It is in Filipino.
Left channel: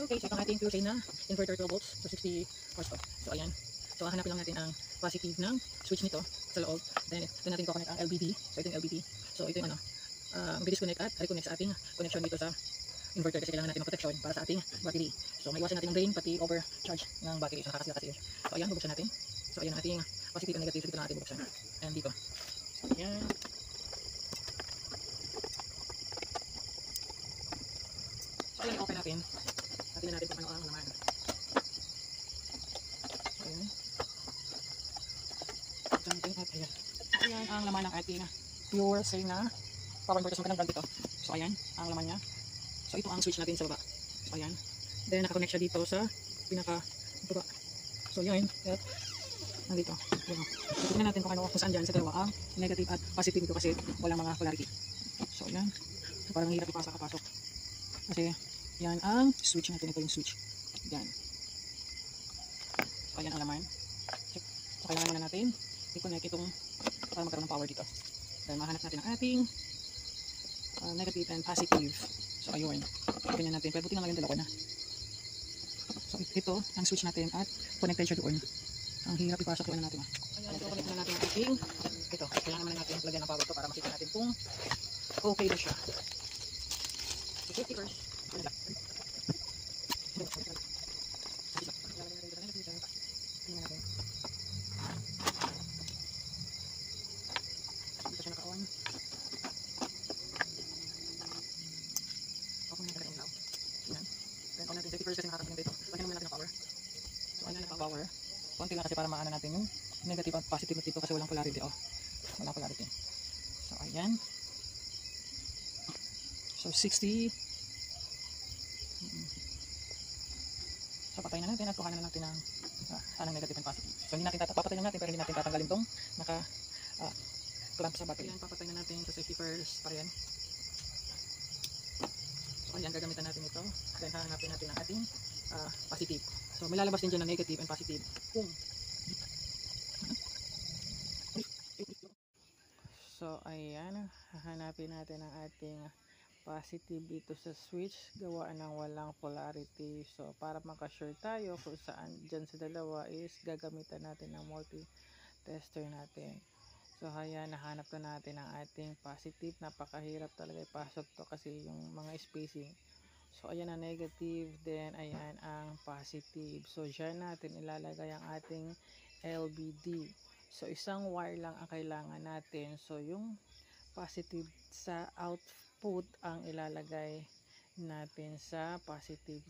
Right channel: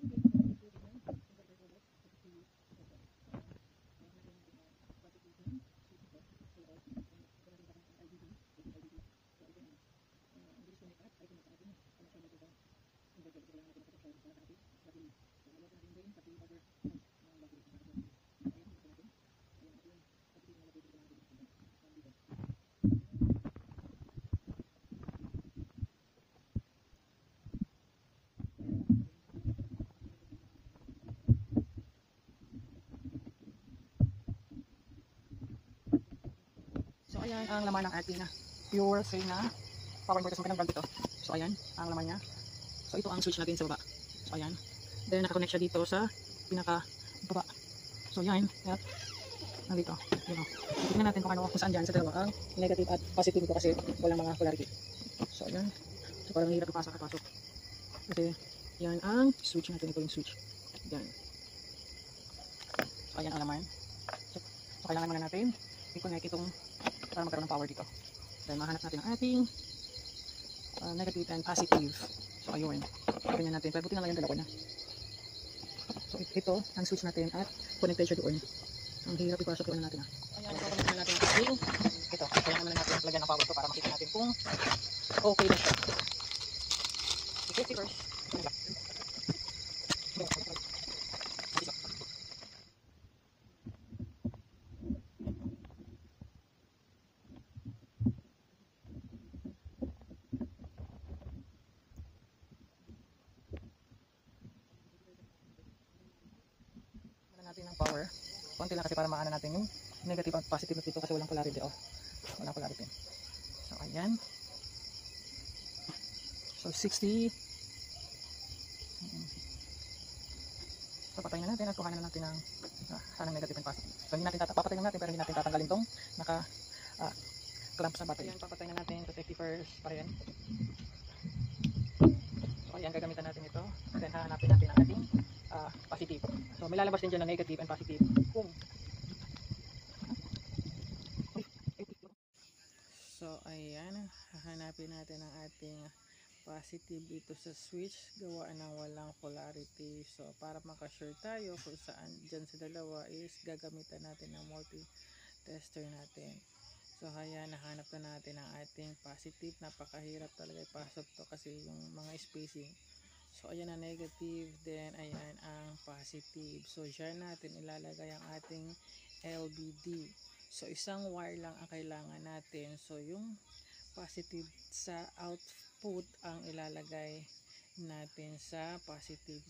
Okay, so itong ating 2 na inverter 12 volts, so 60 horse to. So ayan. So hahanapin lang natin ang positive ng switch nito sa loob. Then ito natin i-connect ang LBD. So ito yung LBD. So ito yung ano, disconnect at reconnect sa ating connection dito sa inverter kasi kailangan natin ng protection para sa ating battery. So may iwasan natin ng drain pati overcharge ng battery. So nakakasira kasi yun. So ayan, bubuksan natin. So ayan ang ating positive and negative. So dito na natin bubuksan. And dito. So ayan. So ayan, i-open natin. Tingnan natin kung ano ang laman. So ayan. So ayan ang laman ng ating pure say na power inverter. So magandang brand ito. So ayan ang laman niya. So ito ang switch natin sa baba. So ayan. Then naka-connect siya dito sa pinaka baba. So yan. Yan. Nandito. Yan o. Tignan natin kung saan dyan sa dalawa ang negative at positive ito kasi walang mga polarity. So ayan. So parang hirap ipasok at pasok. Kasi yan ang switch natin. Ito yung switch. Yan. So ayan ang laman. Check. So kailangan muna natin i-connect itong para magkaroon ng power dito. Then mahanap natin ang ating negative and positive. So ayun. Tingnan natin. Pero buti na lang yung dalawa na. So ito ang switch natin at connected siya doon. Ang hirap ipasok doon natin. Ayan. So connect na natin ang ating ito. Kailangan na natin lagyan ng power ito para makita natin kung okay na siya. Okay, first. Power. Konti lang kasi para maana natin yung negative at positive dito kasi walang polarity. Oh. Walang polarity. So ayan. So 60. So patayin na natin at kuhanan na natin ng sanang negative and positive. So hindi natin papatayin lang natin pero hindi natin tatanggalin tong naka clamp sa battery. Ayan, papatayin na natin sa safety first pa rin. So ayan, gagamitan natin ito. Then hahanapin natin ang ating positive. So may lalabas din dyan ng negative and positive. Boom. So ayan, hahanapin natin ang ating positive dito sa switch. Gawaan ng walang polarity. So para makasure tayo kung saan dyan sa dalawa is gagamitan natin ng multi-tester natin. So ayan, nahanap na natin ang ating positive. Napakahirap talaga ipasok to kasi yung mga spacing. So ayan ang negative, then ayan ang positive. So dyan natin ilalagay ang ating LBD. So isang wire lang ang kailangan natin. So yung positive sa output ang ilalagay natin sa positive